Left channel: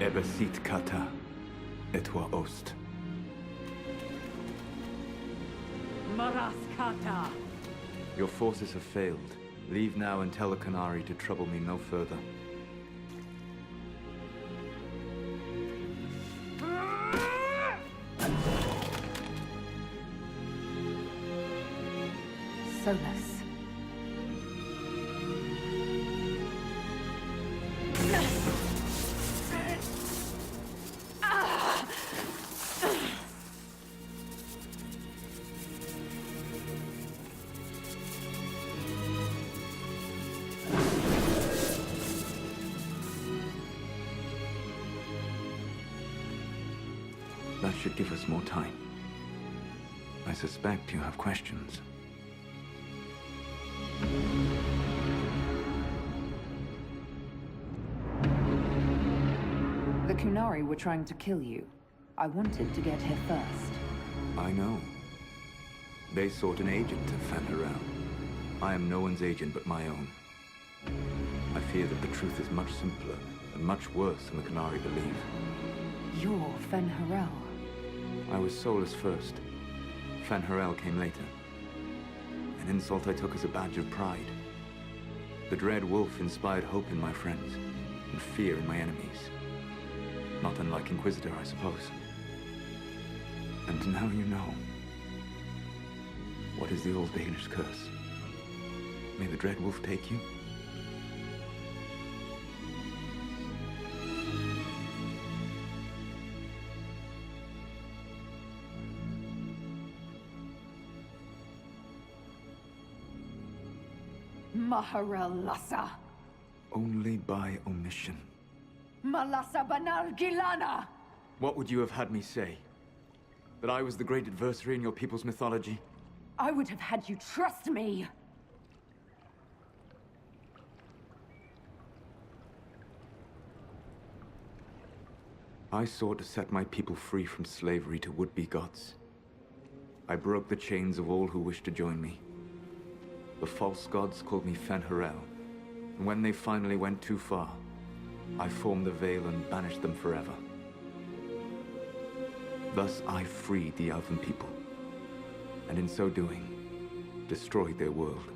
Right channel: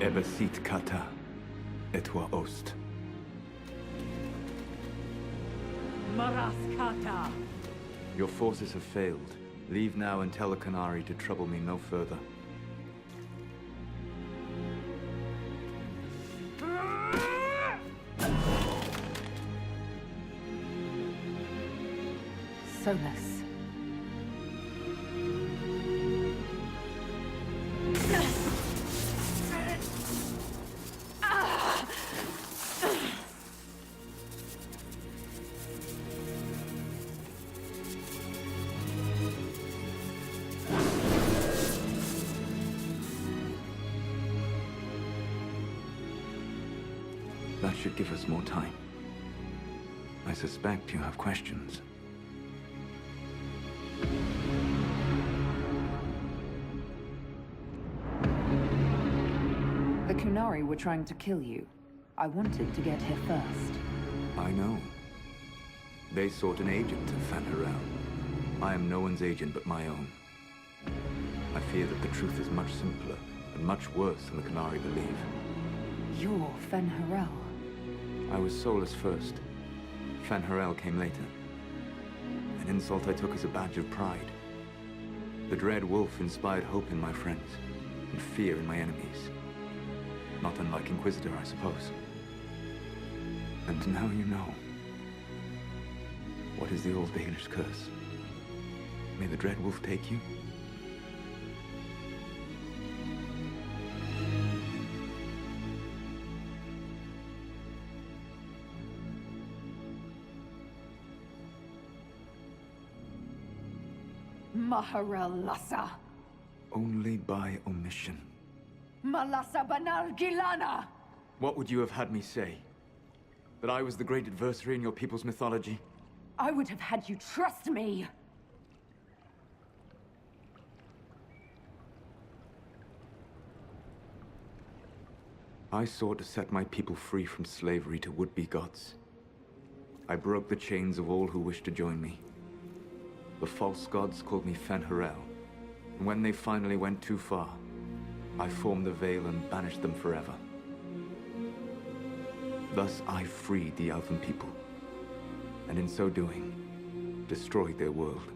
Ebesit kata, etwa ost. Maraskata! Your forces have failed. Leave now and tell the Canary to trouble me no further. Solus. That should give us more time. I suspect you have questions. The Kunari were trying to kill you. I wanted to get here first. I know. They sought an agent of Fen'Harel. I am no one's agent but my own. I fear that the truth is much simpler and much worse than the Canary believe. You're Fen'Harel. I was Solus first. Fen'Harel came later. An insult I took as a badge of pride. The Dread Wolf inspired hope in my friends, and fear in my enemies. Not unlike Inquisitor, I suppose. And now you know. What is the Old Baelish curse? May the Dread Wolf take you? Maharel Lassa! Only by omission. Malassa Banal Gilana! What would you have had me say? That I was the great adversary in your people's mythology? I would have had you trust me! I sought to set my people free from slavery to would-be gods. I broke the chains of all who wished to join me. The false gods called me Fen'Harel, and when they finally went too far, I formed the Veil and banished them forever. Thus I freed the Elven people, and in so doing, destroyed their world.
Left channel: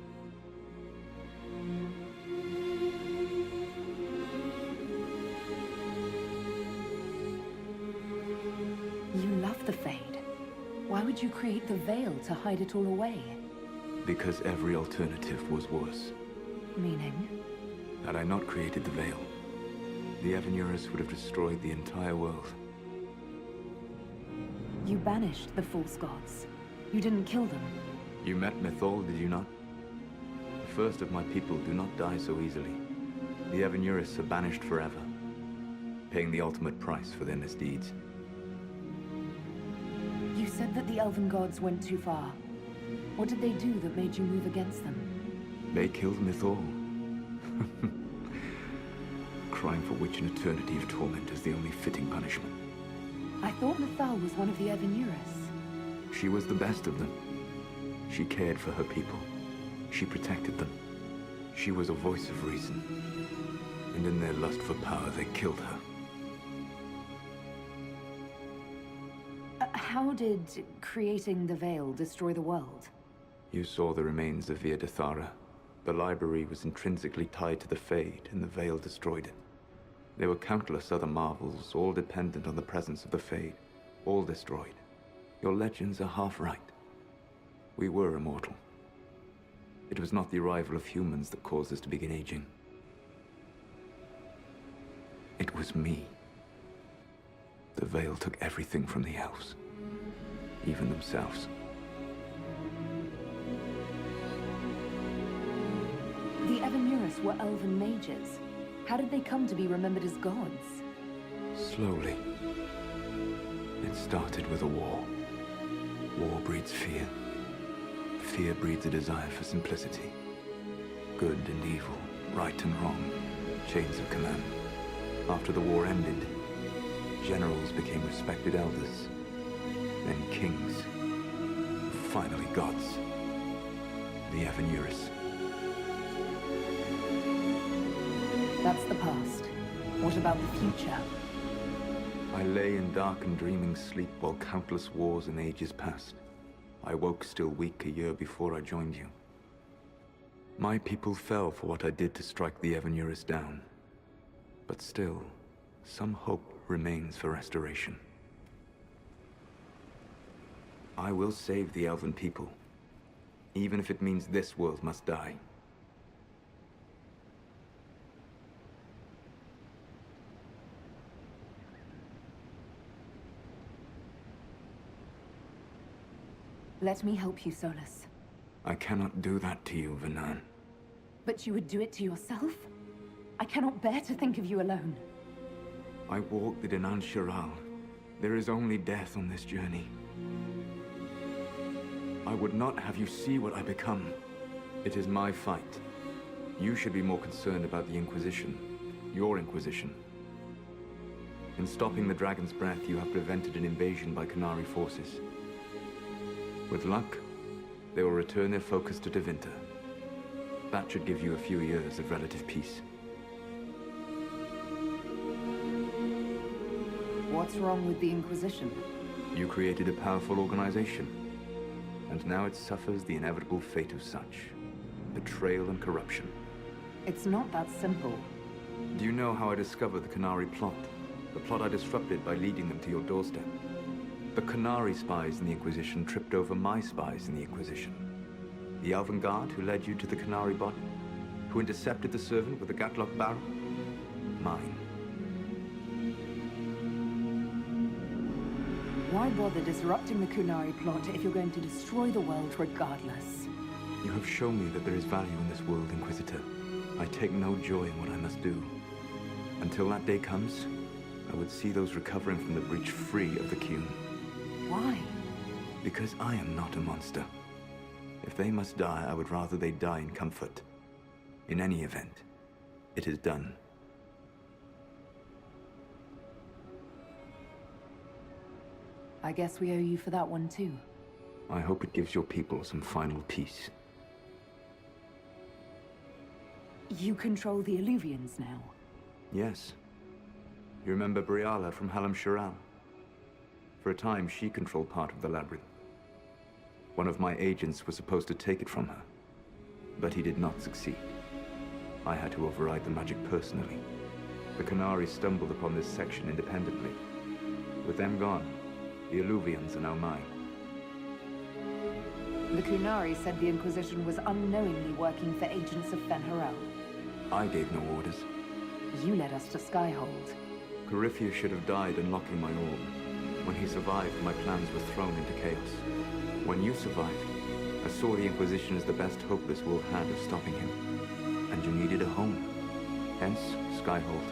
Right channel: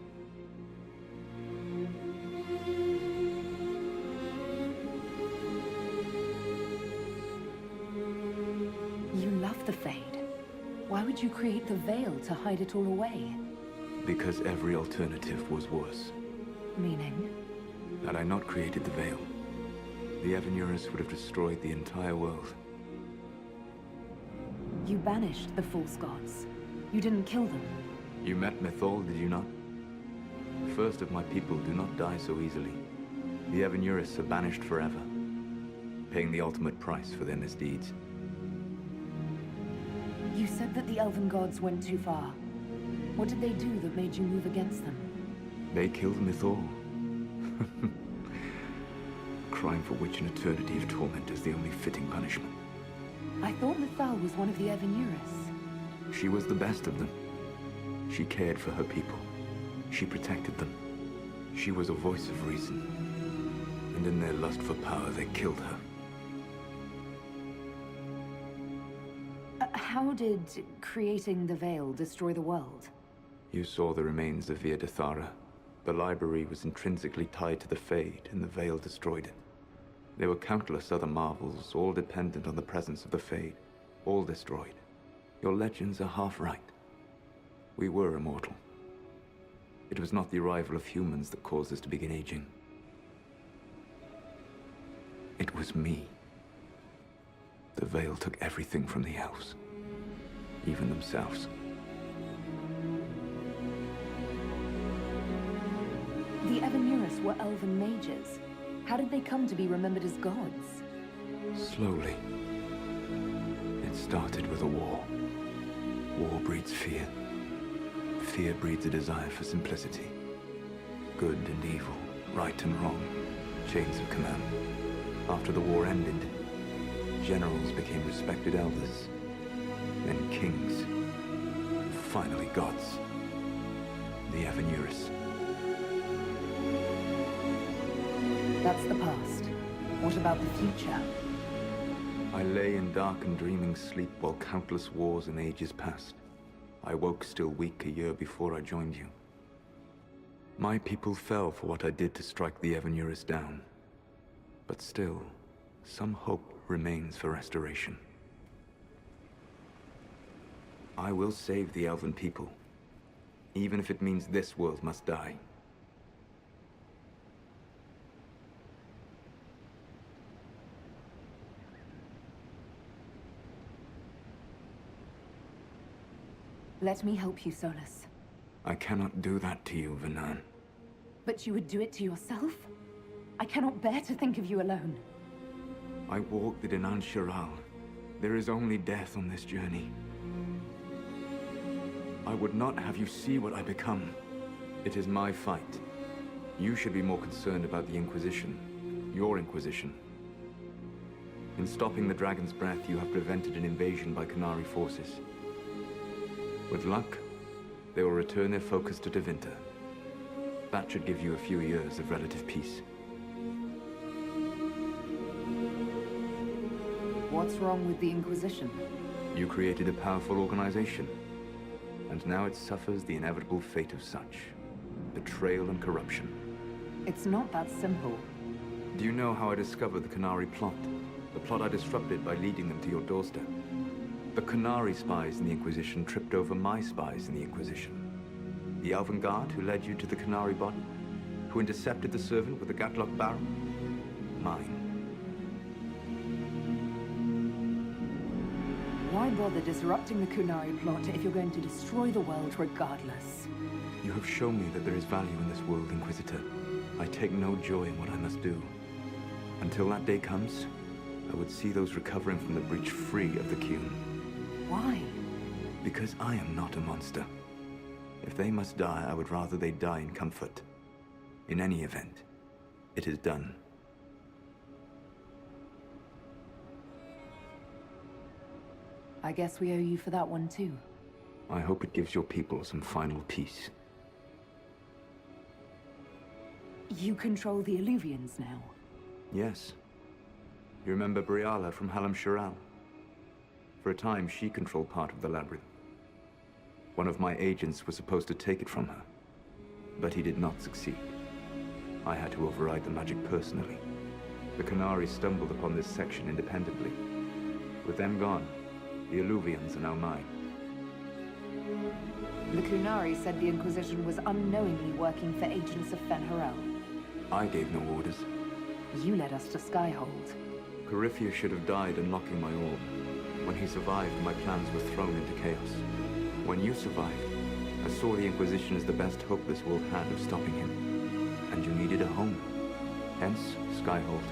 You love the Fade. Why would you create the Veil to hide it all away? Because every alternative was worse. Meaning? Had I not created the Veil, the Evanurus would have destroyed the entire world. You banished the false gods. You didn't kill them. You met Mythol, did you not? The first of my people do not die so easily. The Evanurus are banished forever, paying the ultimate price for their misdeeds. You said that the Elven gods went too far. What did they do that made you move against them? They killed Mythol. Crime for which an eternity of torment is the only fitting punishment. I thought Mythal was one of the Evanurus. She was the best of them. She cared for her people. She protected them. She was a voice of reason. And in their lust for power, they killed her. How did creating the Veil destroy the world? You saw the remains of Via Dethara. The library was intrinsically tied to the Fade, and the Veil destroyed it. There were countless other marvels, all dependent on the presence of the Fade, all destroyed. Your legends are half right. We were immortal. It was not the arrival of humans that caused us to begin aging. It was me. The Veil took everything from the elves, even themselves. The Evanurus were elven mages. How did they come to be remembered as gods? Slowly. It started with a war. War breeds fear. Fear breeds a desire for simplicity. Good and evil, right and wrong, chains of command. After the war ended, generals became respected elders, then kings, finally gods. The Evanurus. That's the past. What about the future? I lay in dark and dreaming sleep while countless wars and ages passed. I woke still weak a year before I joined you. My people fell for what I did to strike the Evanurus down. But still, some hope remains for restoration. I will save the Elven people, even if it means this world must die. Let me help you, Solus. I cannot do that to you, Vanan. But you would do it to yourself? I cannot bear to think of you alone. I walk the Dinan Shiral. There is only death on this journey. I would not have you see what I become. It is my fight. You should be more concerned about the Inquisition. Your Inquisition. In stopping the Dragon's Breath, you have prevented an invasion by Qunari forces. With luck, they will return their focus to Tevinter. That should give you a few years of relative peace. What's wrong with the Inquisition? You created a powerful organization, and now it suffers the inevitable fate of such. Betrayal and corruption. It's not that simple. Do you know how I discovered the Qunari plot? The plot I disrupted by leading them to your doorstep? The Qunari spies in the Inquisition tripped over my spies in the Inquisition. The Elven Guard who led you to the Qunari body? Who intercepted the servant with the Gatlock barrel? Mine. Why bother disrupting the Qunari plot if you're going to destroy the world regardless? You have shown me that there is value in this world, Inquisitor. I take no joy in what I must do. Until that day comes, I would see those recovering from the breach free of the Qun. Why? Because I am not a monster. If they must die, I would rather they die in comfort. In any event, it is done. I guess we owe you for that one too. I hope it gives your people some final peace. You control the Illuvians now. Yes. You remember Briala from Halam Shiral? For a time, she controlled part of the labyrinth. One of my agents was supposed to take it from her, but he did not succeed. I had to override the magic personally. The Qunari stumbled upon this section independently. With them gone, the Illuvians are now mine. The Qunari said the Inquisition was unknowingly working for agents of Fen'Harel. I gave no orders. You led us to Skyhold. Corypheus should have died unlocking my orb. When he survived, my plans were thrown into chaos. When you survived, I saw the Inquisition as the best hope this world had of stopping him. And you needed a home. Hence, Skyhold.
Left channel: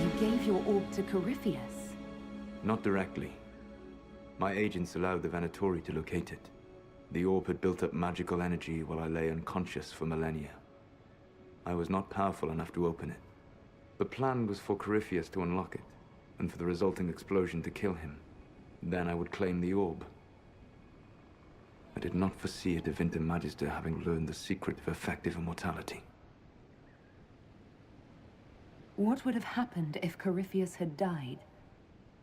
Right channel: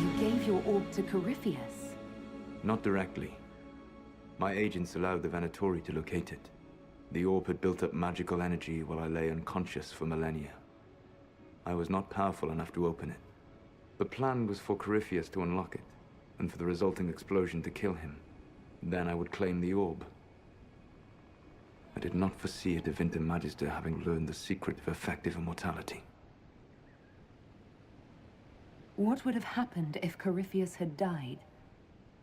You gave your orb to Corypheus? Not directly. My agents allowed the Venatori to locate it. The orb had built up magical energy while I lay unconscious for millennia. I was not powerful enough to open it. The plan was for Corypheus to unlock it, and for the resulting explosion to kill him. Then I would claim the orb. I did not foresee a Tevinter Magister having learned the secret of effective immortality. What would have happened if Corypheus had died,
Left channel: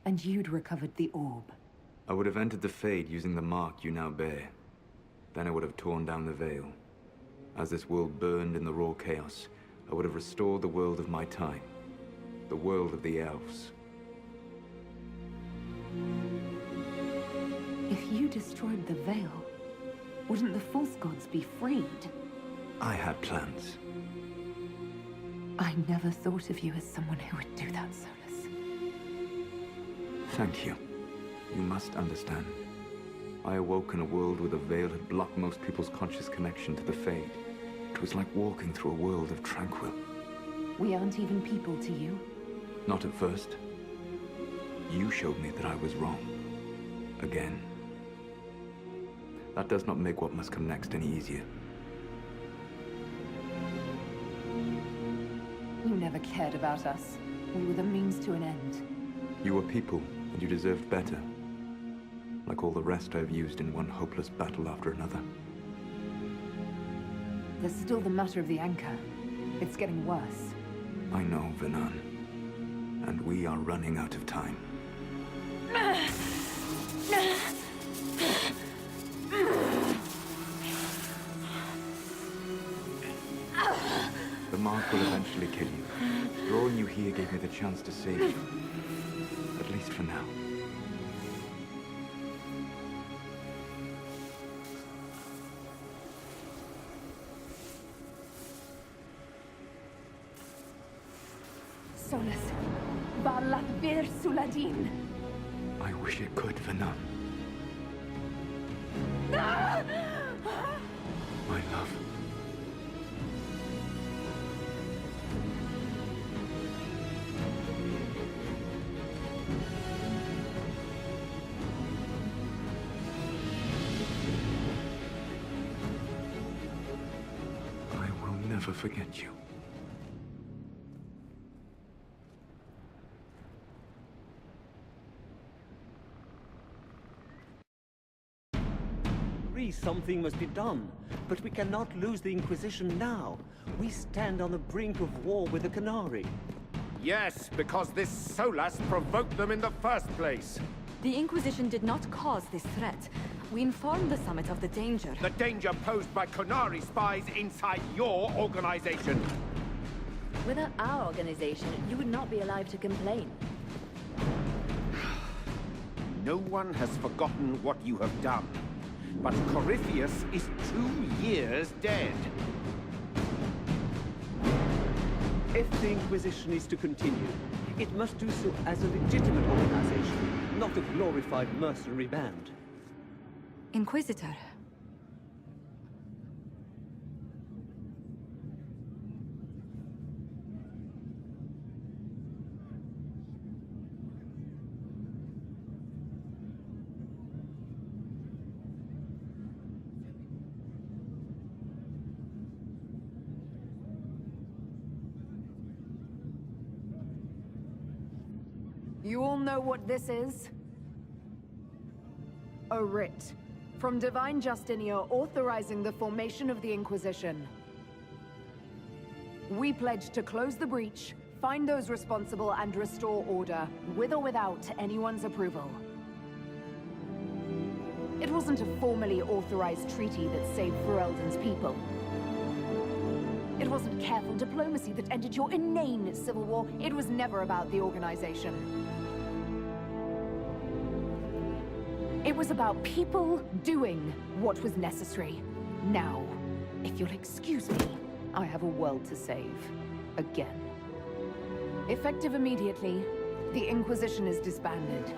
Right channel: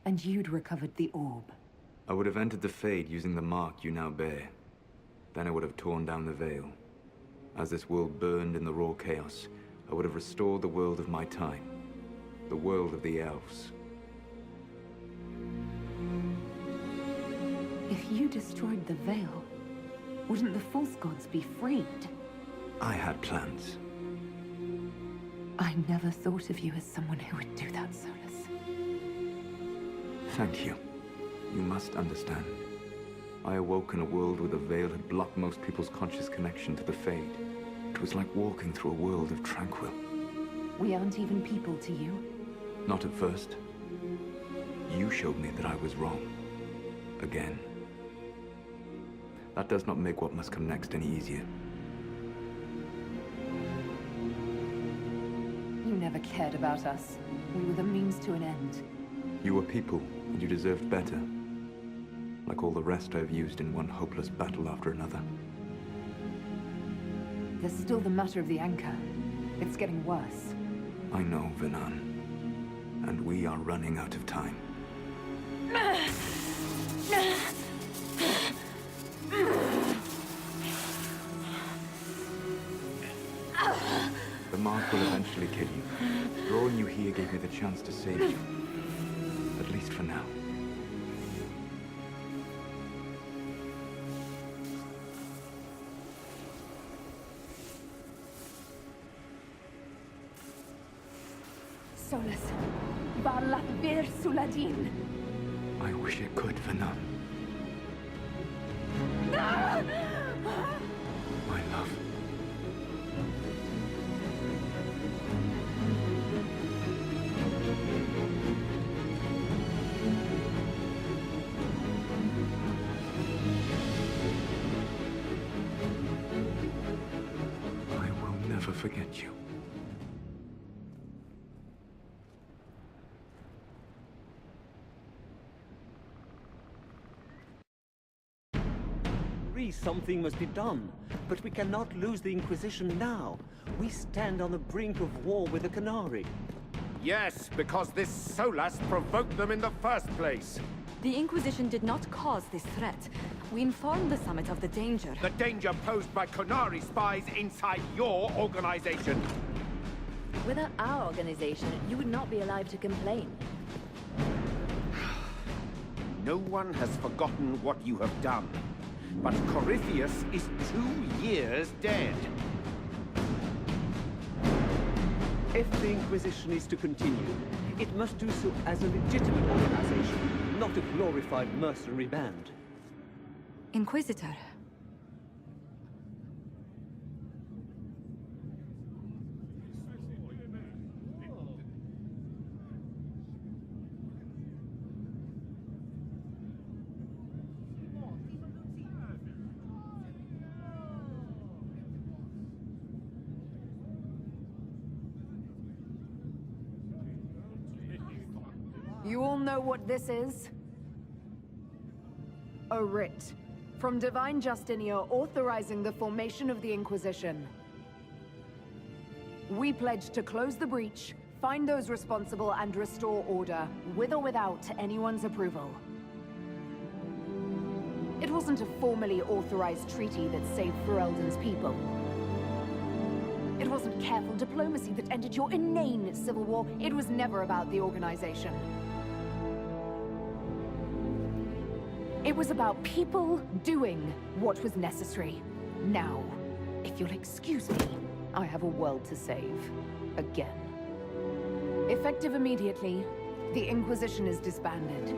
and you'd recovered the orb? I would have entered the Fade using the mark you now bear. Then I would have torn down the veil. As this world burned in the raw chaos, I would have restored the world of my time. The world of the elves. If you destroyed the veil, wouldn't the false gods be freed? I had plans. I never thought of you as someone who would do that, Solus. Thank you. You must understand. I awoke in a world where the veil had blocked most people's conscious connection to the Fade. It was like walking through a world of tranquil. We aren't even people to you. Not at first. You showed me that I was wrong. Again. That does not make what must come next any easier. You never cared about us. We were the means to an end. You were people, and you deserved better. Like all the rest I've used in one hopeless battle after another. There's still the matter of the anchor. It's getting worse. I know, Venan. And we are running out of time. The mark will eventually kill you. Drawing you here gave me the chance to save you. At least for now. Solus. Barlathbir Suladin. I wish it could, Venan. My love. I will never forget you. Something must be done, but we cannot lose the Inquisition now. We stand on the brink of war with the Canary. Yes, because this Solus provoked them in the first place. The Inquisition did not cause this threat. We informed the Summit of the danger. The danger posed by Canary spies inside your organization. Without our organization, you would not be alive to complain. No one has forgotten what you have done. But Corypheus is 2 years dead. If the Inquisition is to continue, it must do so as a legitimate organization, not a glorified mercenary band. Inquisitor. You all know what this is? A writ from Divine Justinia authorizing the formation of the Inquisition. We pledge to close the breach, find those responsible, and restore order, with or without anyone's approval. It wasn't a formally authorized treaty that saved Ferelden's people. It wasn't careful diplomacy that ended your inane civil war. It was never about the organization. It was about people doing what was necessary. Now, if you'll excuse me, I have a world to save. Again. Effective immediately, the Inquisition is disbanded.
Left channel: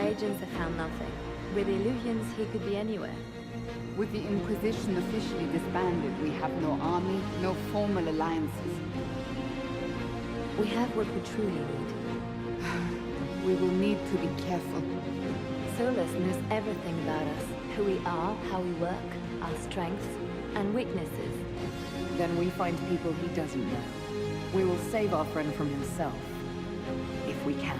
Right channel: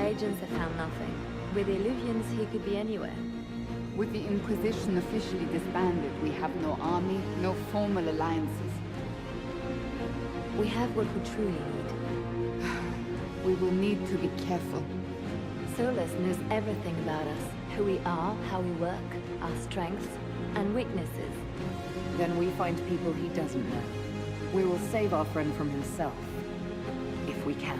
My agents have found nothing. With the illusions, he could be anywhere. With the Inquisition officially disbanded, we have no army, no formal alliances. We have what we truly need. We will need to be careful. Solus knows everything about us. Who we are, how we work, our strengths and weaknesses. Then we find people he doesn't know. We will save our friend from himself. If we can.